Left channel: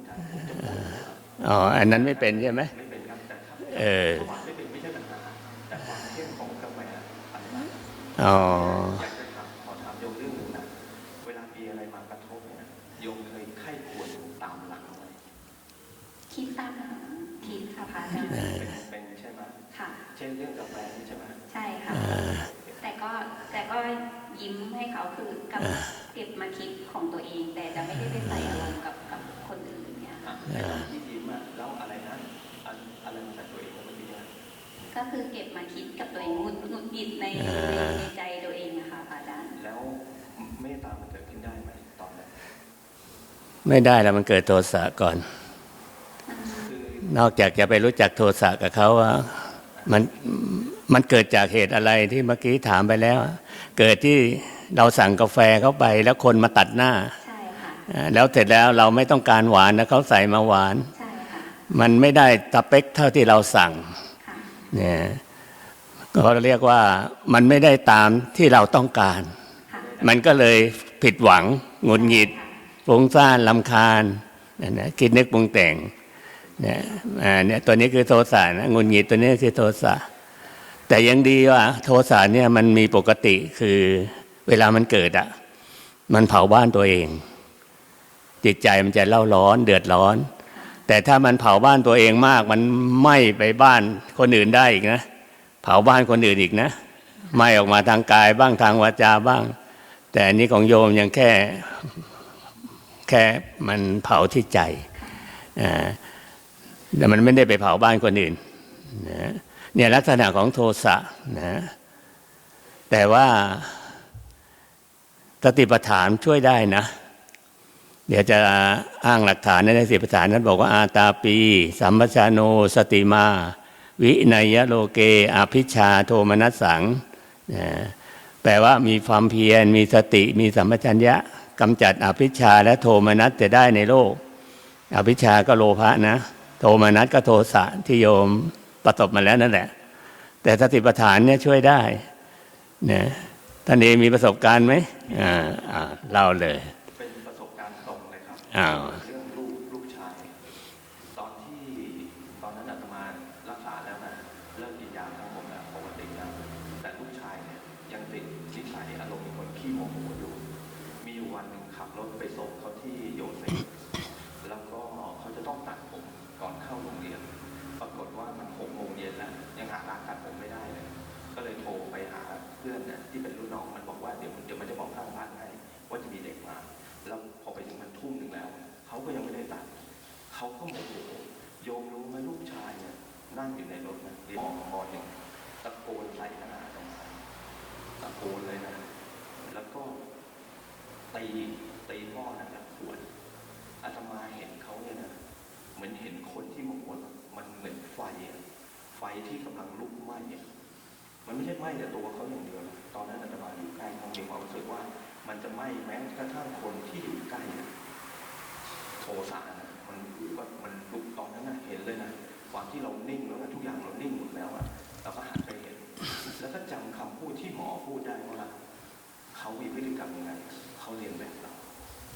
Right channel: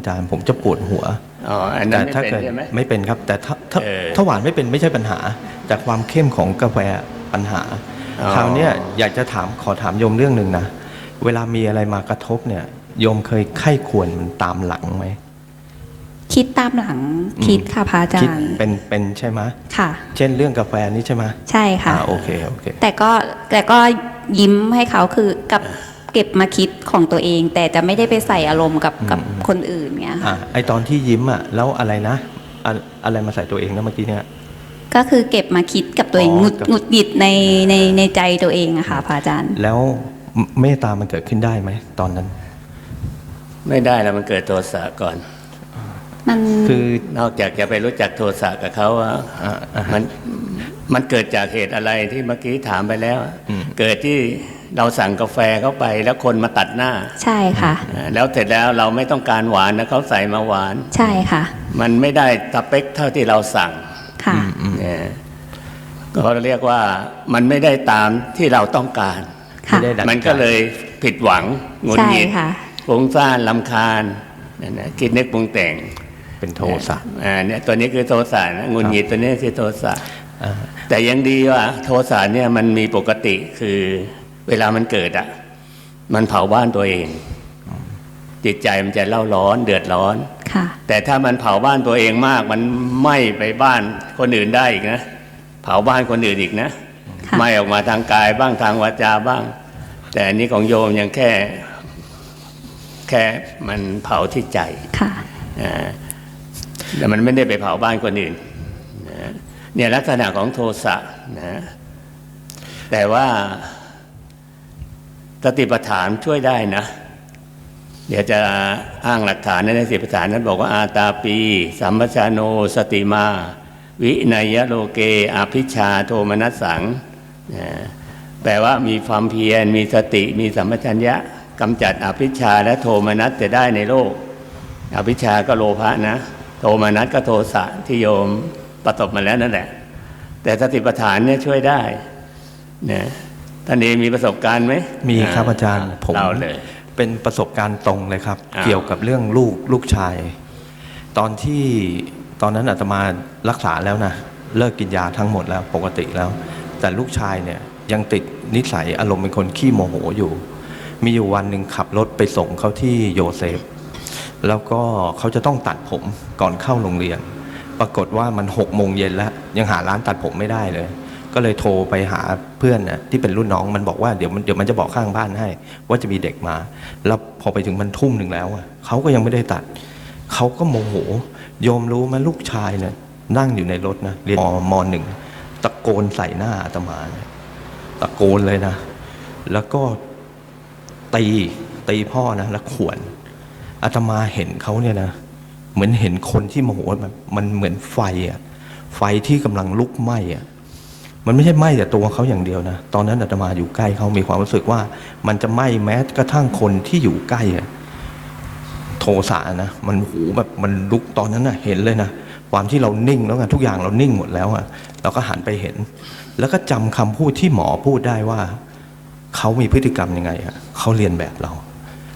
อาจารย์ ผมจะปวดหัวอ๋ออันนั้นไม่แต่ถ้าเป็นกิดใช่ไหมไม่เป็นครับ แต่ถ้าถ้าเออถ้าหวานไม่เป็นไม่ใช่ปัญหา แต่ความเข้มของกาแฟปัญหาอ๋อคราวเนี้ยอยากจะถามขอถามโยมเรื่องหนึ่งนะเวลามีอะไรมากระทบเนี่ยโยมเคยไข้ควรมันตามหลังไหมคิดตามหลังคิดค่ะพระอาจาคิดรย์เป็นเป็นใช่ไหมค่ะ เช่นเรื่องกาแฟนี่ใช่ไหมใช่ค่ะอ่าโอเคโอเคแต่ก็แต่ก็ยิ้มให้เขาคือกับ เก็บมาคิดของตัวเอง แต่จะไม่ได้ไปใส่อารมณ์กับกับคนอื่นเงี้ยอะค่ะไอตอนที่ยิ้มอะแล้วอะไรนะอะอะไรมาใส่ตัวเองนะเมื่อกี้เนี่ย ก็คือเก็บมาคิดกับตัวเองอ๋อหงุดกับหงุดหงิดในในในใจตัวเองอะค่ะพระอาจารย์ แล้วเมตตามันเกิดขึ้นได้ไหมตอนนั้น ไม่ได้แล้วมันเกิดโทสะก่อน มันคือ นอกจากจะไปรู้จักโทสะกับเขาว่าอะอะมันมันเกิดจากเหตุอะไรที่เมื่อกี้ถามไปแล้ว เกิดที่ เราสั่งกาแฟเข้าไปแล้วคนมาตัดหน้า ใช่ค่ะอ่าแล้วเสร็จแล้วเราไม่ต้องการหวานนะเขาใส่มาหวาน ใช่ค่ะ มันไม่ได้สเปคเท่าที่เราสั่งค่ะเนี่ยก็เรียกว่ามันไม่ได้ตามที่เราต้องการค่ะไม่ได้ดังมันก็เลยผิดหวังหงุดใช่หงิดค่ะฟุ้งซ่านลำคาญนั่นนะคิดนึกปรุงแต่งเป็นโทสะอ่าเนี่ยตัวนี้คือโทสะนะหงุดหงิดตัวนี้คือโทสะอ่าแต่ยังดีว่าโทสะเนี่ยมันมีปกติคือ เวลามันเกิดอะมันเผาบ้านตัวเอง จิตใจมันจะเล่าร้อน เดือดร้อนค่ะแต่ถ้ามันเผาบ้านตัวเองมาก มันไหม้ไปบ้านคนอื่นได้อีกนะเผาบ้านคนอื่นอีกนะค่ะไหม้ออกมาทางกายบ้างทางวาจาบ้าง แต่อันนี้ของโยมยังแค่แค่มันเผาที่ใจค่ะอ่าแต่มันไม่ได้ไปเผาบ้านคนอื่นนะเนี่ยลักษณะของโทสะนะแต่ว่า สติปัฏฐานช่วยได้นะ เดี๋ยวจะอ้างหลักฐานในสติปัฏฐานนั้นบอกว่าอาตาปี สัมปชาโนสติมา วินัยโลเกอภิชาโทมนัสสังนะแปลว่ามีความเพียร มีสติ มีสัมปชัญญะกำจัดอภิชาและโทมนัสจะได้ในโลก อภิชาก็โลภะนะ โทมานัสก็โทสะที่โยมประสบมาแล้วนั่นแหละ แต่สติปัฏฐานเนี่ยช่วยได้นะ ท่านเองมีประสบการณ์ไหมมีครับอาจารย์ผมเล่าเลย เป็นประสบการณ์ตรงเลยครับอ้าวเกี่ยวกับเรื่องลูกลูกชาย ตอนที่ตอนนั้นอาตมารักษาแล้วนะเลิกกินยาทั้งหมดแล้วปกติแล้ว แต่ลูกชายเนี่ยยังติดนิสัยอารมณ์เป็นคนขี้โมโหอยู่ มีอยู่วันหนึ่งขับรถไปส่งเขาที่โยเซฟ แล้วก็เขาจะต้องตัดผมก่อนเข้าโรงเรียน ปรากฏว่ามันหกโมงเย็นแล้ว ยังหาร้านตัดผมไม่ได้เลย ก็เลยโทรไปหาเพื่อนน่ะที่เป็นรุ่นน้องมันบอกว่าเดี๋ยวมันเดี๋ยวมันจะบอกข้างบ้านให้ ว่าจะมีเด็กมา แล้วพอไปถึงมันทุ่มหนึ่งแล้วเขาก็ยังไม่ได้ตัดเขาก็โมโหโยมรู้ไหมลูกชายเนี่ยนั่งอยู่ในรถนะเรียนมมหนึ่งตะโกนใส่หน้าอาตมาตะโกนเลยนะ แล้วก็ตีตีพ่อนะแล้วขวนอาตมาเห็นเขาเนี่ยนะเหมือนเห็นคนที่โมโหแบบมันเหมือนไฟอะไฟที่กำลังลุกไหม้อะ มันไม่ใช่ไหม้แต่ตัวเขาอย่างเดียวนะ ตอนนั้นอาตมาอยู่ใกล้เขามีความรู้สึกว่า มันจะไหม้แม้กระทั่งคนที่อยู่ใกล้อะโทสะนะ มันหูแบบมันลุกตอนนั้นนะเห็นเลยนะ ความที่เรานิ่งแล้วไงทุกอย่างเรานิ่งหมดแล้วอะเราก็หันไปเห็น แล้วก็จำคำพูดที่หมอพูดได้ว่าเขามีพฤติกรรมยังไงอะเขาเรียนแบบเรา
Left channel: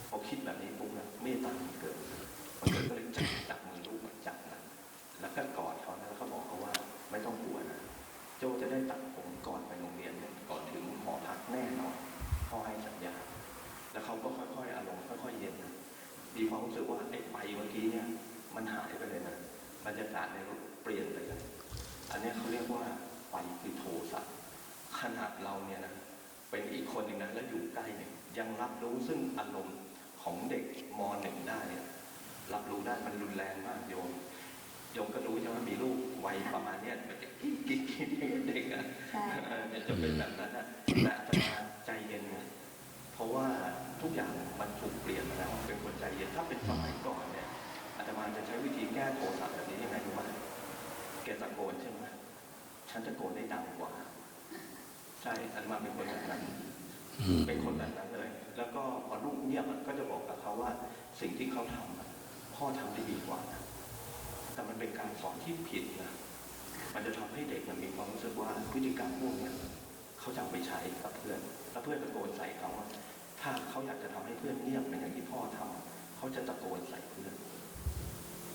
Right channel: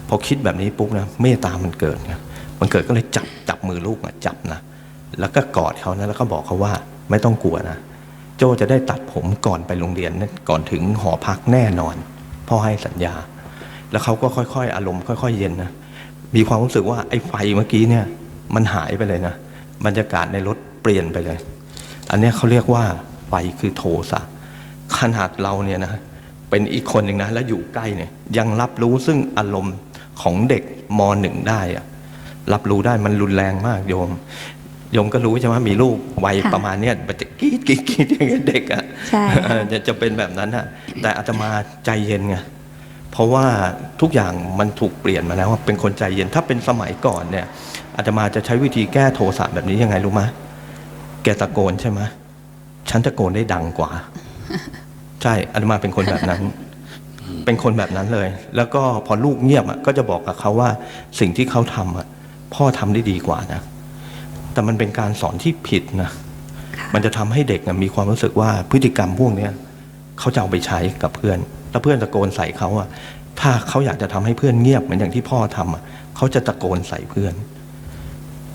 พอคิดแบบนี้ปุ๊บนะเมตตามันเกิดไงมันเกิดก็เลยจับจับมือลูกอะจับนะแล้วก็กอดเขานะแล้วก็บอกเขาว่าไม่ต้องกลัวนะ โจจะได้ตัดผมก่อนไปโรงเรียนนะก่อนถึงหอพักแน่นอน พ่อให้สัญญา แล้วเขาก็ค่อยๆ อารมณ์ค่อย ๆ เย็นนะมีความรู้สึกว่าไอ้ไฟเมื่อกี้เนี่ยมันหายไปเลยนะบรรยากาศในรถเปลี่ยนไปเลย อันนี้เขาเรียกว่าไฟคือโทสะขนาดเราเนี่ยนะเป็นอีกคนหนึ่งนะแล้วอยู่ใกล้เนี่ยยังรับรู้ซึ่งอารมณ์ของเด็กมหนึ่งได้อะรับรู้ได้มันรุนแรงมากโยม โยมก็รู้ใช่ไหมมีลูกวัยค่ะประมาณเนี้ยมันจะกรีดกรีดกรีดอย่างเงี้ยเด็กอะใช่ค่ะ เออจะจะเป็นแบบนั้นอะแต่อาตมาใจเย็นไงเพราะว่าทุกอย่างมันถูกเปลี่ยนมาแล้วอะเป็นคนใจเย็นถ้าเป็นสมัยก่อนเนี่ยอาตมาจะใช้วิธีแก้โทสะแบบนี้ยังไงรู้ไหมแกตะโกนใช่ไหมฉันตะโกนได้ดังกว่า ใช่อาตมาเป็นคนแบบนั้น เป็นคนแบบนั้นเลย แล้วก็พอลูกเงียบอะก็จะบอกกับเขาว่าสิ่งที่เขาทำอะพ่อทำได้ดีกว่านะ แต่มันเป็นการสอนที่ผิดนะค่ะมันจะทำให้เด็กนะมีความรู้สึกว่าพฤติกรรมพวกเนี้ยเขาจะเอาไปใช้กับเพื่อนแล้วเพื่อนตะโกนใส่เขาอะถ้าเขาอยากจะทำให้เพื่อนเงียบเหมือนอย่างที่พ่อทำอะเขาจะตะโกนใส่เพื่อน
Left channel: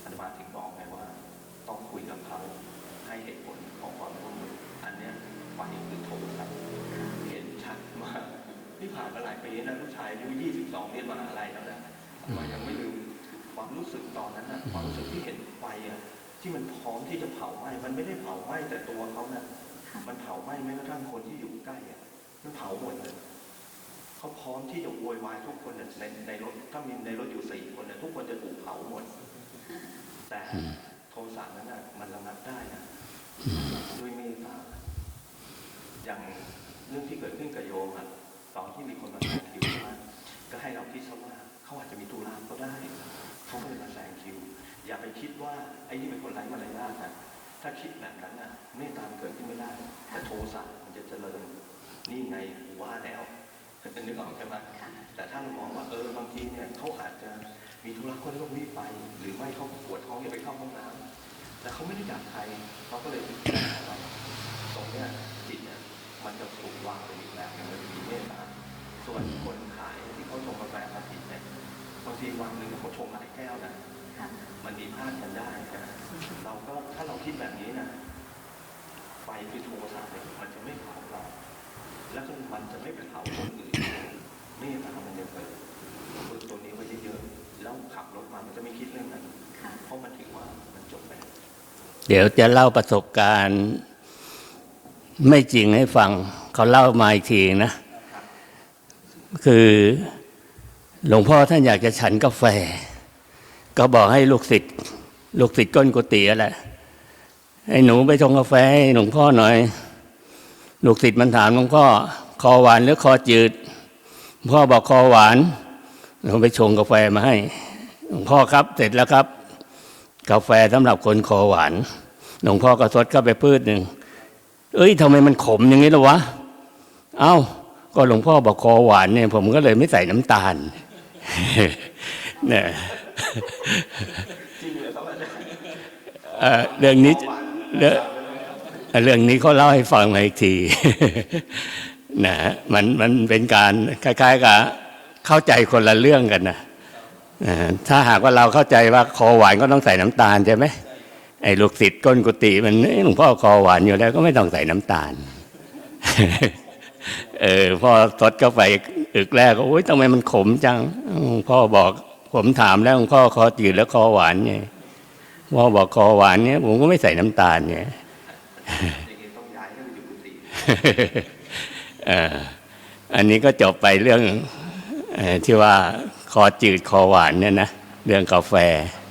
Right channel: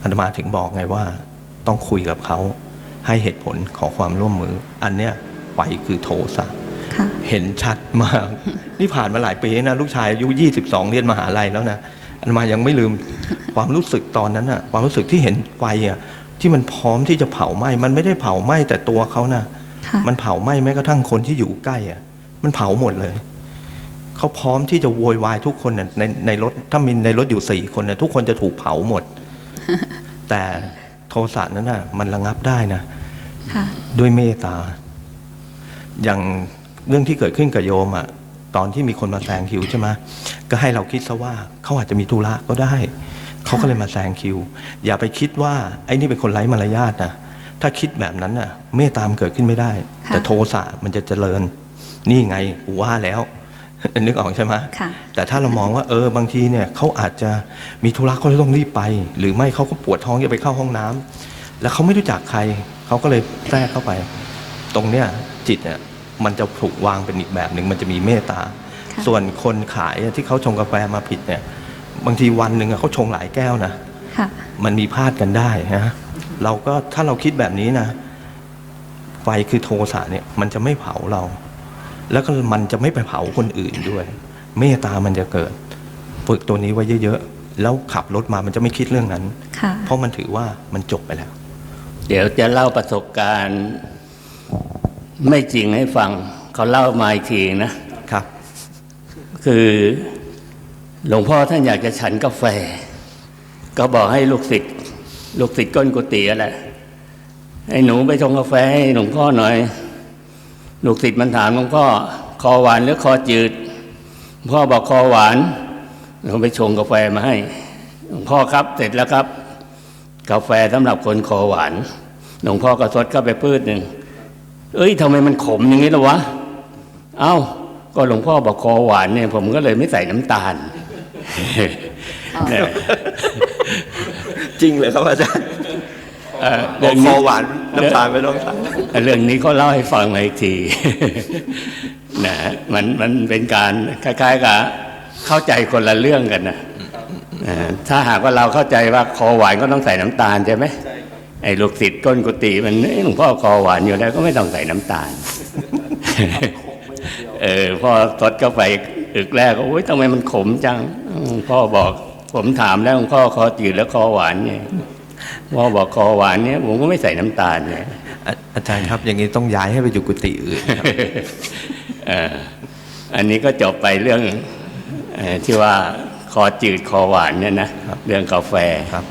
อาตมาถึงบอกไงว่า ต้องคุยกับเขาให้เหตุผลขอความร่วมมือ อันเนี้ยไฟคือโทสะค่ะเห็นชัดมาก นี่ผ่านมาหลายปีนะ ลูกชายอายุ 22 เรียนมหาลัยแล้วนะ อาตมายังไม่ลืมความรู้สึกตอนนั้นอะความรู้สึกที่เห็นไฟอะที่มันพร้อมที่จะเผาไหม้มันไม่ได้เผาไหม้แต่ตัวเขานะค่ะ มันเผาไหม้แม้กระทั่งคนที่อยู่ใกล้อะมันเผาหมดเลยเขาพร้อมที่จะโวยวายทุกคนน่ะในในรถถ้ามีในรถอยู่สี่คนนะทุกคนจะถูกเผาหมด แต่โทสะนั้นน่ะมันระงับได้นะค่ะด้วยเมตตา อย่างเรื่องที่เกิดขึ้นกับโยมอะตอนที่มีคนมาแซงคิวใช่ไหม ก็ให้เราคิดซะว่าเขาอาจจะมีธุระก็ได้ เขาก็เลยมาแซงคิว อย่าไปคิดว่าไอ้นี่เป็นคนไร้มารยาทนะถ้าคิดแบบนั้นน่ะ เมตตามนเกิดขึ้นไม่ได้ค่ะแต่โทสะมันจะเจริญ นี่ไงกูว่าแล้วนึกออกใช่ไหมค่ะแต่ถ้าเรามองว่าเออบางทีเนี่ยเขาอาจจะมีธุระเขาเลยต้องรีบไป หรือไม่เขาก็ปวดท้องจะไปเข้าห้องน้ำแล้วเขาไม่รู้จักใครเขาก็เลยแทรกเข้าไป ตรงเนี้ยจิตเนี่ยมันจะถูกวางเป็นอีกแบบหนึ่งมันจะมีเมตตาค่ะ ส่วนคนขายที่เขาชงกาแฟมาผิดเนี่ย บางทีวันหนึ่งอะเขาชงหลายแก้วนะค่ะมันมีพลาดกันได้นะเราก็ถ้าเราคิดแบบนี้นะ ไฟคือโทสะเนี่ย มันจะไม่เผาเรา แล้วก็มันจะไม่ไปเผาคนอื่นด้วย เมตตามันจะเกิด ฝึกตัวนี้ไว้เยอะๆ แล้วขับรถมามันจะไม่คิดเรื่องนั้นค่ะเพราะมันถือว่ามันจบไปแล้ว เดี๋ยวจะเล่าประสบการณ์ ไม่จริงให้ฟัง เขาเล่ามาอีกทีนะ คือหลวงพ่อท่านอยากจะฉันกาแฟ ก็บอกให้ลูกศิษย์ลูกศิษย์ก้นกุฏิอะไรให้หนูไปชงกาแฟให้หลวงพ่อหน่อย ลูกศิษย์มันถามหลวงพ่อคอหวานหรือคอจืดพ่อบอกคอหวานหลวงไปชงกาแฟมาให้หลวงพ่อครับ เสร็จแล้วครับ กาแฟสำหรับคนคอหวานหลวงพ่อก็สดเข้าไปพืชหนึ่งเอ้ยทำไมมันขมอย่างนี้ล่ะวะ เอ้า ก็หลวงพ่อบอกคอหวานเนี่ยผมก็เลยไม่ใส่น้ำตาลเนี่ยจริงเลยครับอาจารย์เอ่อเรื่องนี้คอหวานน้ำตาลไม่ต้องใส่เรื่องนี้เขาเล่าให้ฟังมาอีกทีนะมันมันเป็นการคล้าย ๆกับเข้าใจคนละเรื่องกันนะอ่าถ้าหากว่าเราเข้าใจว่าคอหวานก็ต้องใส่น้ำตาลใช่ไหมไอ้ลูกศิษย์ก้นกุฏิมันเอ้ยหลวงพ่อคอหวานอยู่แล้วก็ไม่ต้องใส่น้ำตาล เออพอสดเข้าไปอึกแรกก็โอ๊ยทำไมมันขมจังหลวงพ่อบอกผมถามแล้วหลวงพ่อคอจืดแล้วคอหวานไงพ่อบอกคอหวานเนี่ยผมก็ไม่ใส่น้ำตาลไงอาอาจารย์ครับอย่างนี้ต้องย้ายให้ไปอยู่กุฏิอื่นเอ่ออันนี้ก็จบไปเรื่องเออที่ว่าคอจืดคอหวานเนี่ยนะเรื่องกาแฟครับ